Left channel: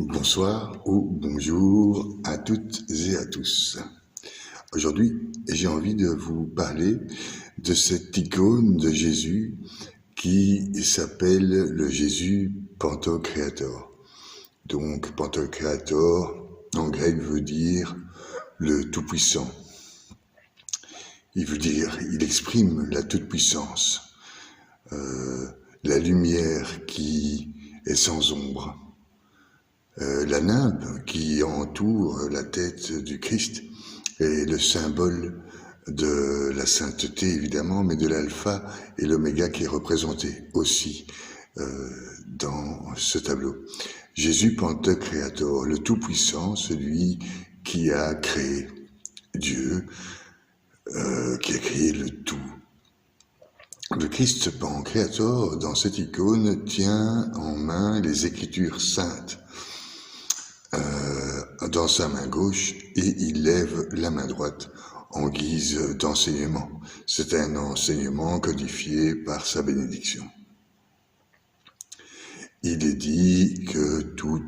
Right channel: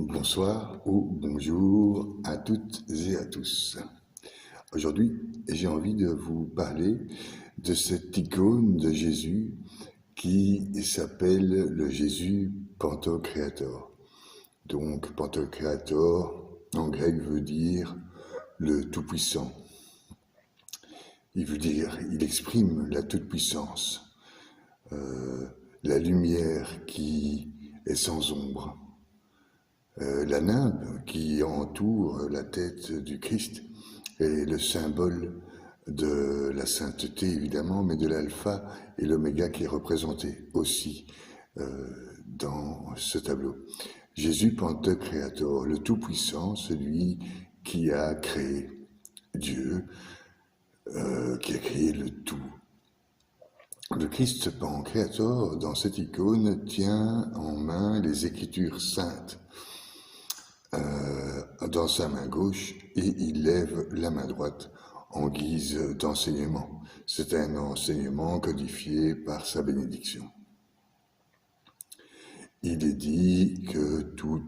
Bonsoir ou bonjour à toutes et à tous. Aujourd'hui, j'ai envie de vous parler de cette icône de Jésus qui s'appelle le Jésus Pantocréator. Donc, Pantocréator, en grec, veut dire le Tout-Puissant. Il exprime la toute-puissance, la lumière qui est sans ombre. La nimbe qui entoure la tête du Christ est le symbole de la sainteté, évidemment, mais de l'alpha et l'oméga qui est représenté aussi dans ce tableau. Jésus Pantocréator, le Tout-Puissant, celui qui a créé Dieu, qui a créé le tout. Le Christ Pantocréator, dans cette icône, tient en main les Écritures saintes dans sa main gauche et il lève la main droite en guise d'enseignement. C'est un enseignement codifié par sa bénédiction. Il est dit que tout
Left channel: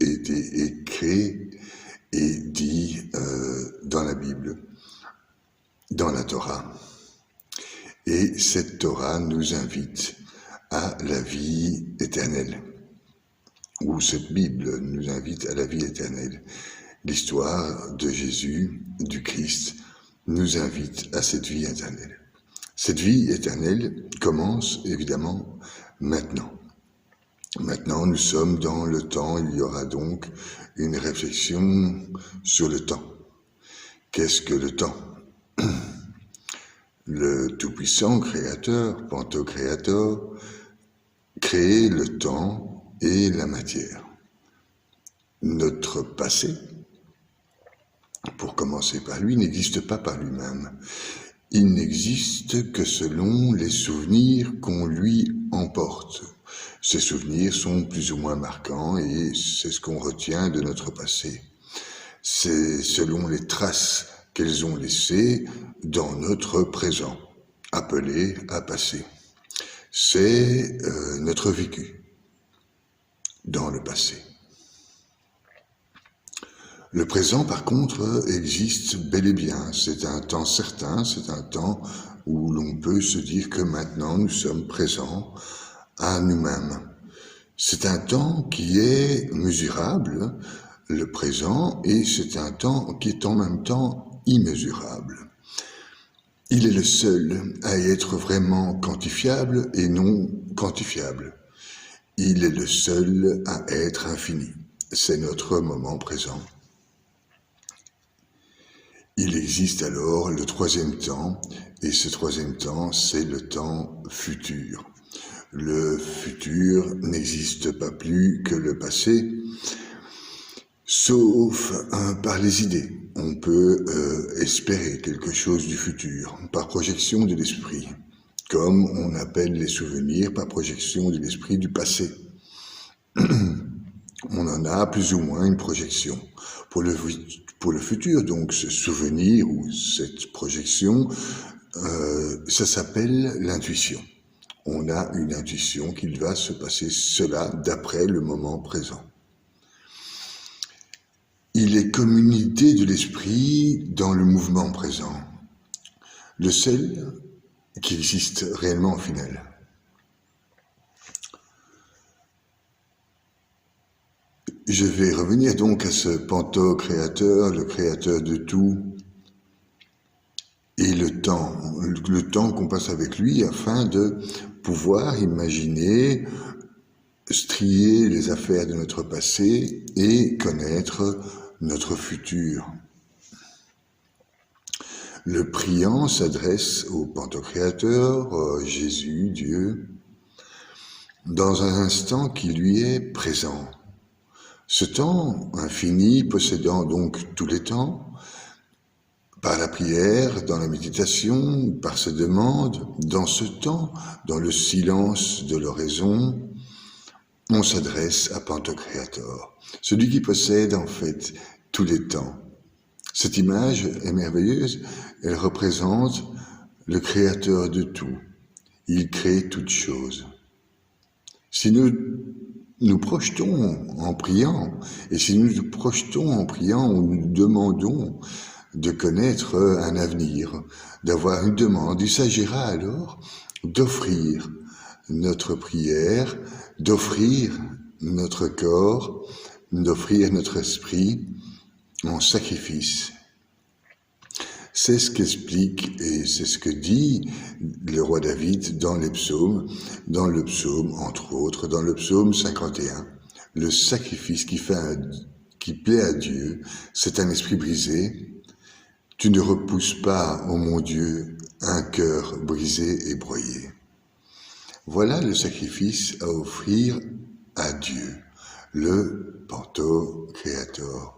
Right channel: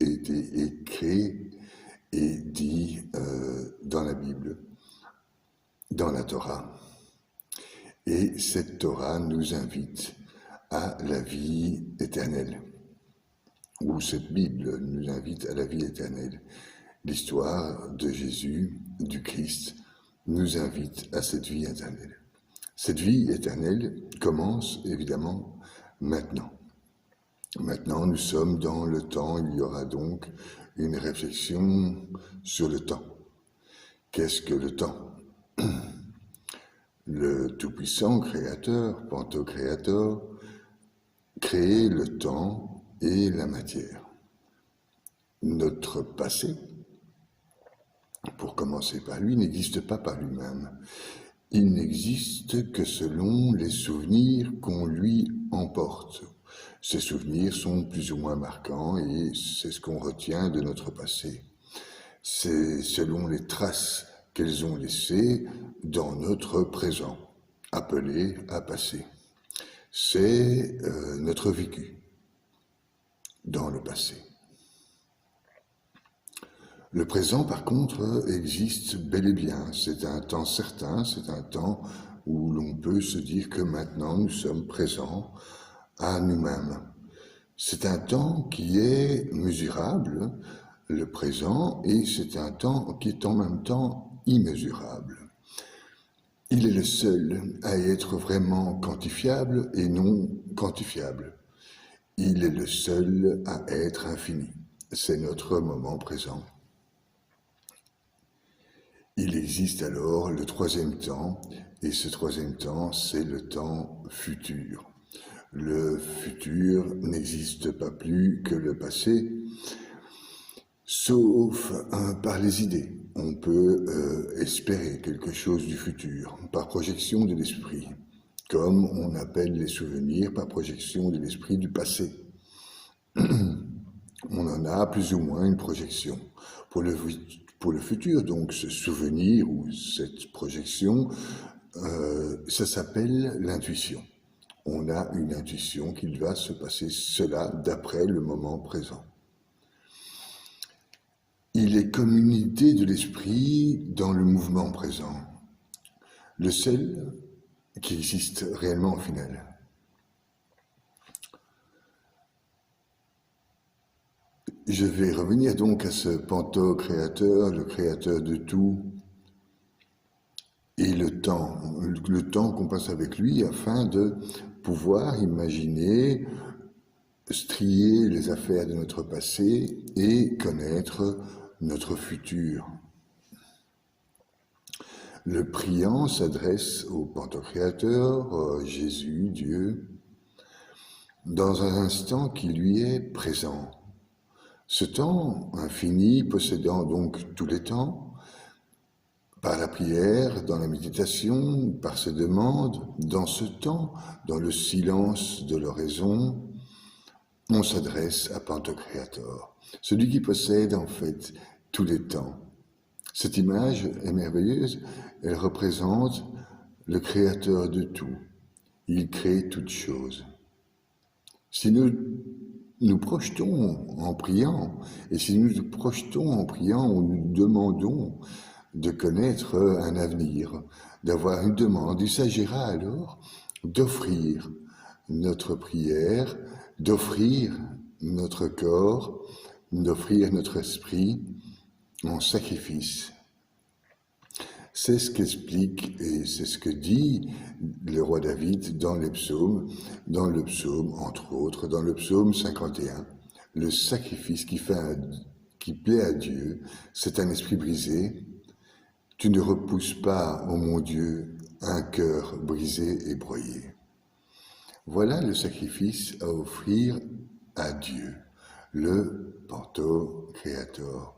était écrit et dit dans la Bible, dans la Torah. Et cette Torah nous invite à la vie éternelle, où cette Bible nous invite à la vie éternelle. L'histoire de Jésus, du Christ, nous invite à cette vie éternelle. Cette vie éternelle commence évidemment maintenant. Maintenant, nous sommes dans le temps, il y aura donc une réflexion sur le temps. Qu'est-ce que le temps ? Le Tout-Puissant Créateur, Pantocréator, crée le temps et la matière. Notre passé, pour commencer par lui, n'existe pas par lui-même. Il n'existe que selon les souvenirs qu'on lui emporte. Ces souvenirs sont plus ou moins marquants et c'est ce qu'on retient de notre passé. C'est selon les traces qu'elles ont laissées dans notre présent, appelé à passer. C'est notre vécu dans le passé. Le présent, par contre, existe bel et bien. C'est un temps certain, c'est un temps où l'on peut se dire que maintenant nous sommes présents à nous-mêmes. C'est un temps qui est mesurable, le présent, et c'est un temps qui est en même temps immesurable. Il est le seul à être vraiment quantifiable et non quantifiable. Il est le seul à être infini. C'est notre moment présent. Il existe alors le troisième temps, et ce troisième temps, c'est le temps futur. Le futur n'existe pas plus que le passé, sauf par les idées. On peut espérer quelque chose du futur, par projection de l'esprit, comme on appelle les souvenirs par projection de l'esprit du passé. On en a plus ou moins une projection. Pour le futur, donc, ce souvenir ou cette projection, ça s'appelle l'intuition. On a une intuition qu'il va se passer cela d'après le moment présent. Il est comme une idée de l'esprit dans le mouvement présent, le seul qui existe réellement au final. Je vais revenir donc à ce Pantocréateur, le créateur de tout, et le temps qu'on passe avec lui afin de pouvoir imaginer, strier les affaires de notre passé et connaître notre futur. Le priant s'adresse au Pantocréateur, Jésus, Dieu, dans un instant qui lui est présent. Ce temps infini, possédant donc tous les temps, par la prière, dans la méditation, par ses demandes, dans ce temps, dans le silence de l'oraison, on s'adresse à Pantocréator, celui qui possède en fait tous les temps. Cette image est merveilleuse, elle représente le créateur de tout. Il crée toutes choses. Si nous nous projetons en priant, et si nous nous projetons en priant, nous demandons de connaître un avenir, d'avoir une demande, il s'agira alors d'offrir notre prière, d'offrir notre corps, d'offrir notre esprit en sacrifice. C'est ce qu'explique et c'est ce que dit le roi David dans les psaumes, entre autres, dans le psaume 51. Le sacrifice qui plaît à Dieu, c'est un esprit brisé. Tu ne repousses pas, ô mon Dieu, un cœur brisé et broyé. Voilà le sacrifice à offrir à Dieu, le Pantocréator.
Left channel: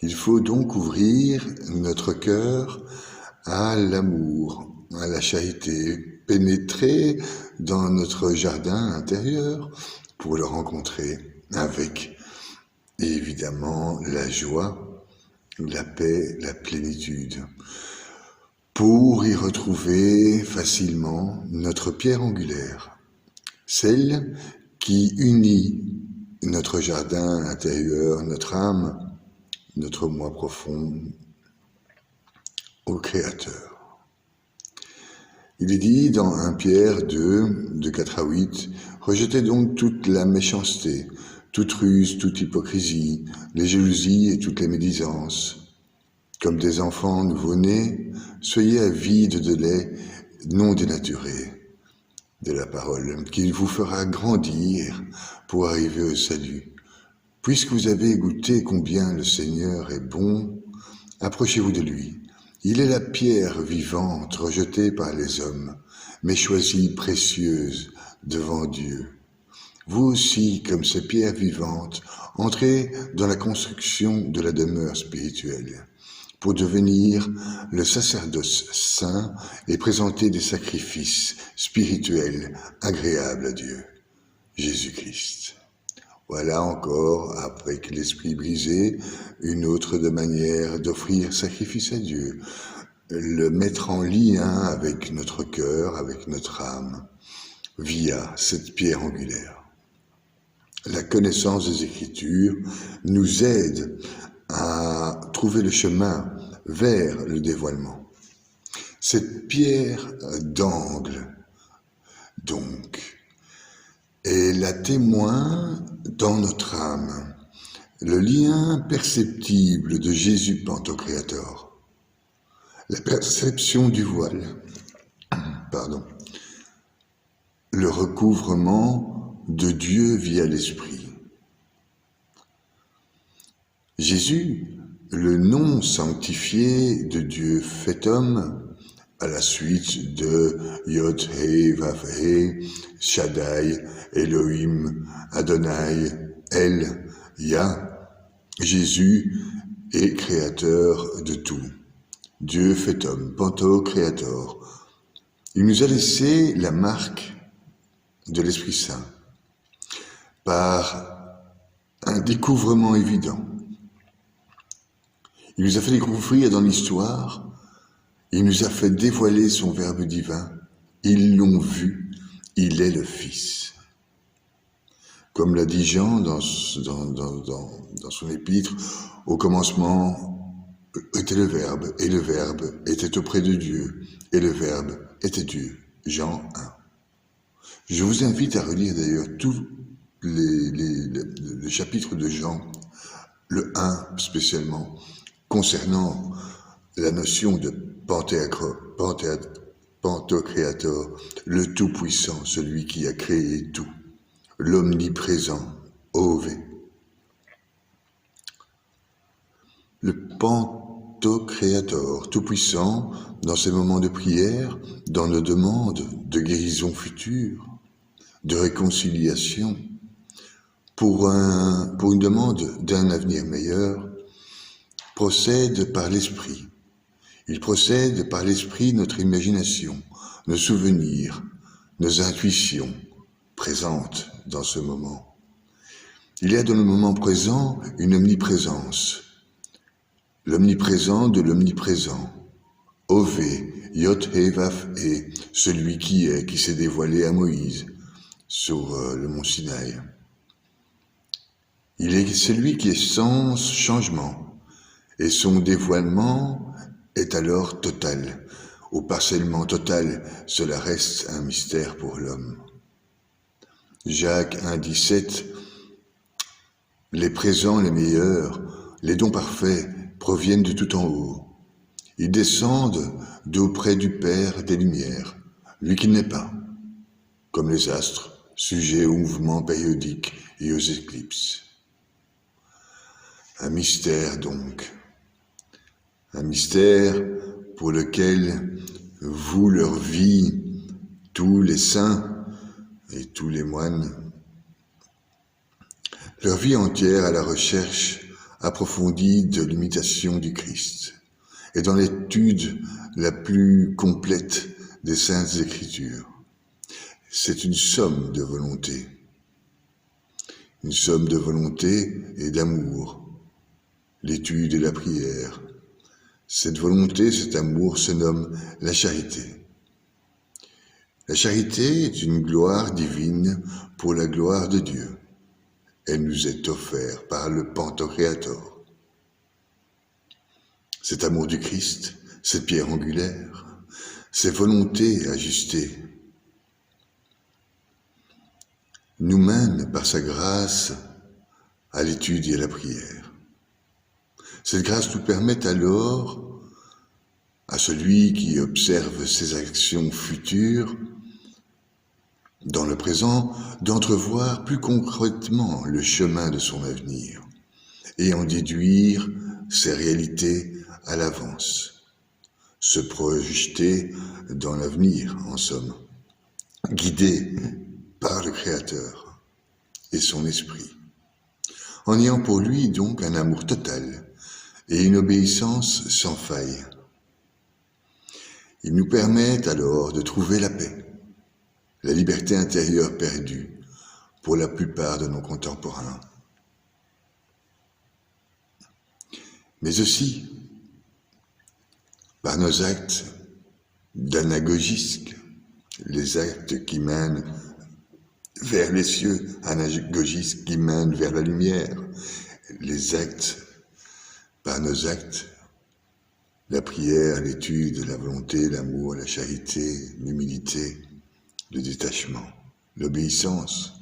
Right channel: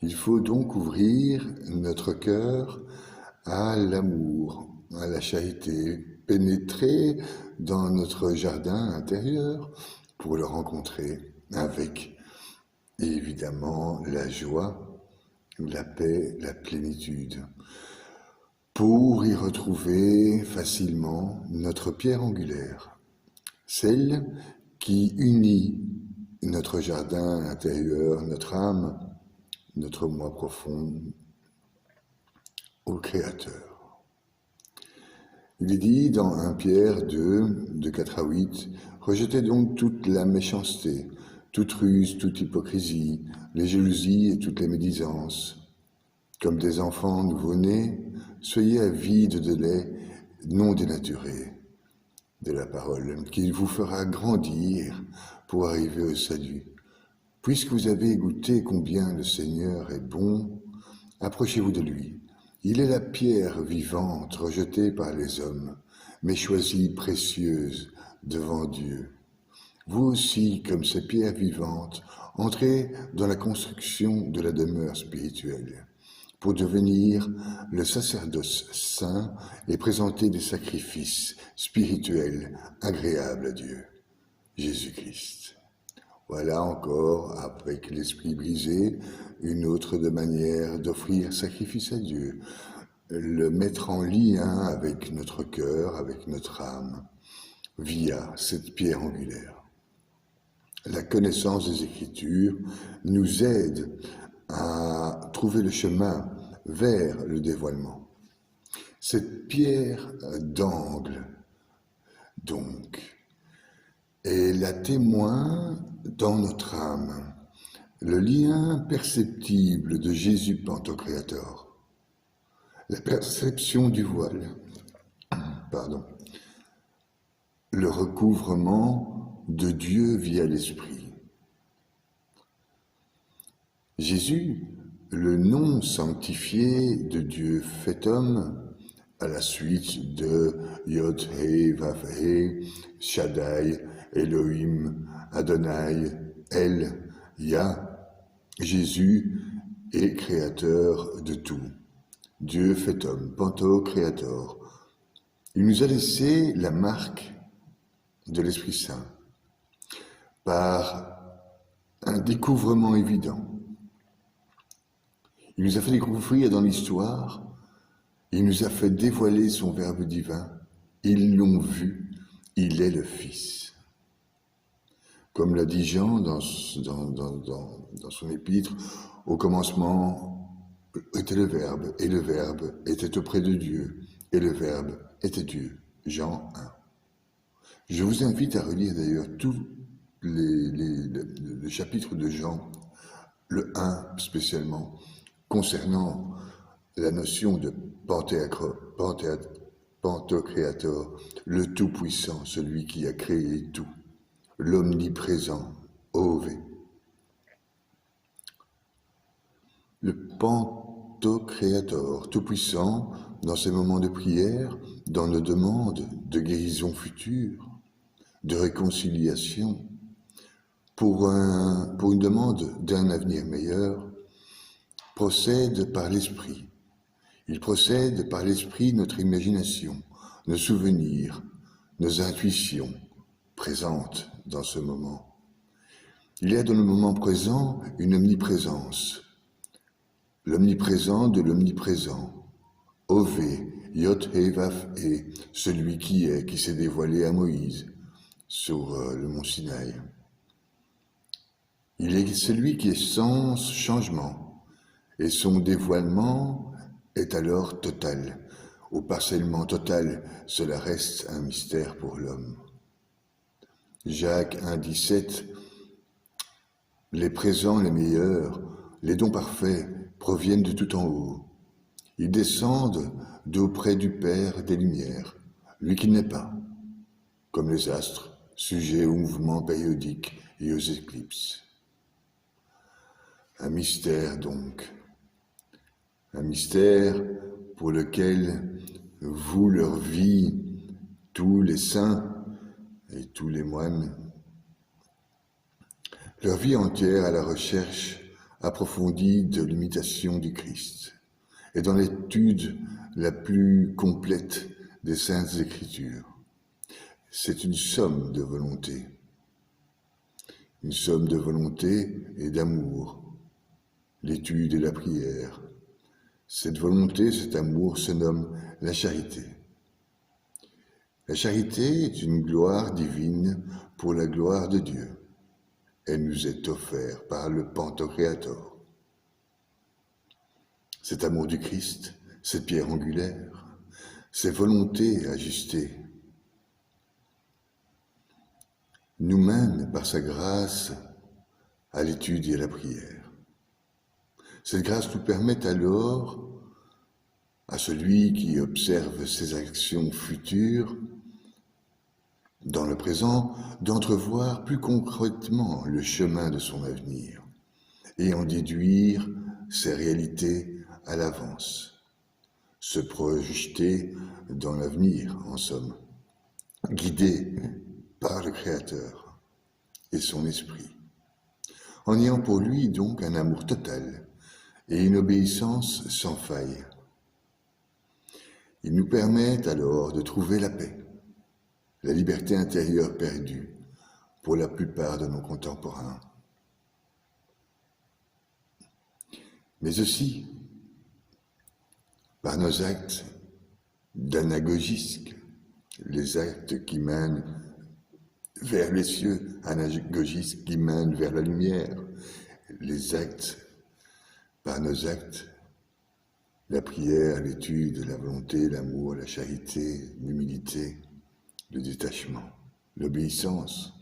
Il faut donc ouvrir notre cœur à l'amour, à la charité, pénétrer dans notre jardin intérieur pour le rencontrer avec évidemment la joie, la paix, la plénitude, pour y retrouver facilement notre pierre angulaire, celle qui unit notre jardin intérieur, notre âme, notre moi profond au Créateur. Il est dit dans 1 Pierre 2, de 4 à 8, « Rejetez donc toute la méchanceté, toute ruse, toute hypocrisie, les jalousies et toutes les médisances. Comme des enfants nouveau-nés, soyez avides de lait non dénaturé, de la parole, qui vous fera grandir pour arriver au salut. Puisque vous avez goûté combien le Seigneur est bon, approchez-vous de lui. Il est la pierre vivante rejetée par les hommes, mais choisie précieuse devant Dieu. Vous aussi, comme ces pierres vivantes, entrez dans la construction de la demeure spirituelle, pour devenir le sacerdoce saint et présenter des sacrifices spirituels agréables à Dieu, Jésus-Christ. Voilà encore, avec l'esprit brisé, une autre manière d'offrir sacrifice à Dieu, le mettre en lien avec notre cœur, avec notre âme, via cette pierre angulaire. La connaissance des Écritures nous aide à trouver le chemin vers le dévoilement. Cette pierre d'angle, donc, est la témoin dans notre âme, le lien perceptible de Jésus Pantocréator, la perception du voile, le recouvrement de Dieu via l'Esprit. Jésus, le nom sanctifié de Dieu fait homme, à la suite de Yod He Vav He, Shaddai, Elohim, Adonai, El, Yah, Jésus est créateur de tout. Dieu fait homme, Pantocréator. Il nous a laissé la marque de l'Esprit Saint par un découvrement évident. Il nous a fait découvrir dans l'histoire. Il nous a fait dévoiler son Verbe divin. Ils l'ont vu, il est le Fils. Comme l'a dit Jean dans son épître, au commencement était le Verbe, et le Verbe était auprès de Dieu, et le Verbe était Dieu. Jean 1. Je vous invite à relire d'ailleurs tous les chapitres de Jean, le 1 spécialement, concernant la notion de Pantocréator, le Tout-Puissant, celui qui a créé tout, l'omniprésent, OV. Le Pantocréator, Tout-Puissant, dans ses moments de prière, dans nos demandes de guérison future, de réconciliation, pour une demande d'un avenir meilleur, procède par l'Esprit. Il procède par l'Esprit notre imagination, nos souvenirs, nos intuitions présentes dans ce moment. Il y a dans le moment présent une omniprésence, l'omniprésent de l'omniprésent, Ové, Yod He Vav He, celui qui s'est dévoilé à Moïse sur le mont Sinaï. Il est celui qui est sans changement, et son dévoilement est alors total. Au parcellement total, cela reste un mystère pour l'homme. Jacques 1,17 Les présents, les meilleurs, les dons parfaits proviennent de tout en haut. Ils descendent d'auprès du Père des Lumières, lui qui n'est pas, comme les astres, sujets aux mouvements périodiques et aux éclipses. Un mystère donc, un mystère pour lequel vouent leur vie tous les saints et tous les moines, leur vie entière à la recherche approfondie de l'imitation du Christ et dans l'étude la plus complète des Saintes Écritures. C'est une somme de volonté et d'amour, l'étude et la prière. Cette volonté, cet amour se nomme la charité. La charité est une gloire divine pour la gloire de Dieu. Elle nous est offerte par le Pantocréator. Cet amour du Christ, cette pierre angulaire, ces volontés ajustées, nous mènent par sa grâce à l'étude et à la prière. Cette grâce nous permet alors, à celui qui observe ses actions futures, dans le présent, d'entrevoir plus concrètement le chemin de son avenir et en déduire ses réalités à l'avance, se projeter dans l'avenir, en somme, guidé par le Créateur et son esprit, en ayant pour lui donc un amour total et une obéissance sans faille. Il nous permet alors de trouver la paix, la liberté intérieure perdue pour la plupart de nos contemporains. Mais aussi par nos actes d'anagogisque, les actes qui mènent vers les cieux, anagogisques qui mènent vers la lumière, les actes, par nos actes, la prière, l'étude, la volonté, l'amour, la charité, l'humilité, le détachement, l'obéissance,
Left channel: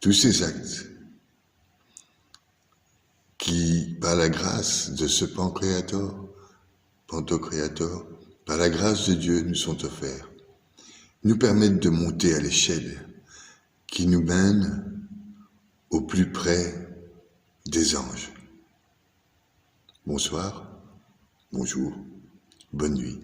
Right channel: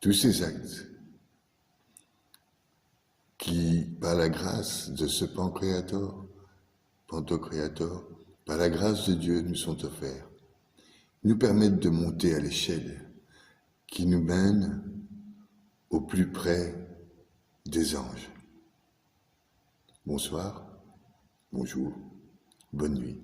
tous ces actes qui, par la grâce de ce Pantocréator, par la grâce de Dieu nous sont offerts, nous permettent de monter à l'échelle qui nous mène au plus près des anges. Bonsoir, bonjour, bonne nuit.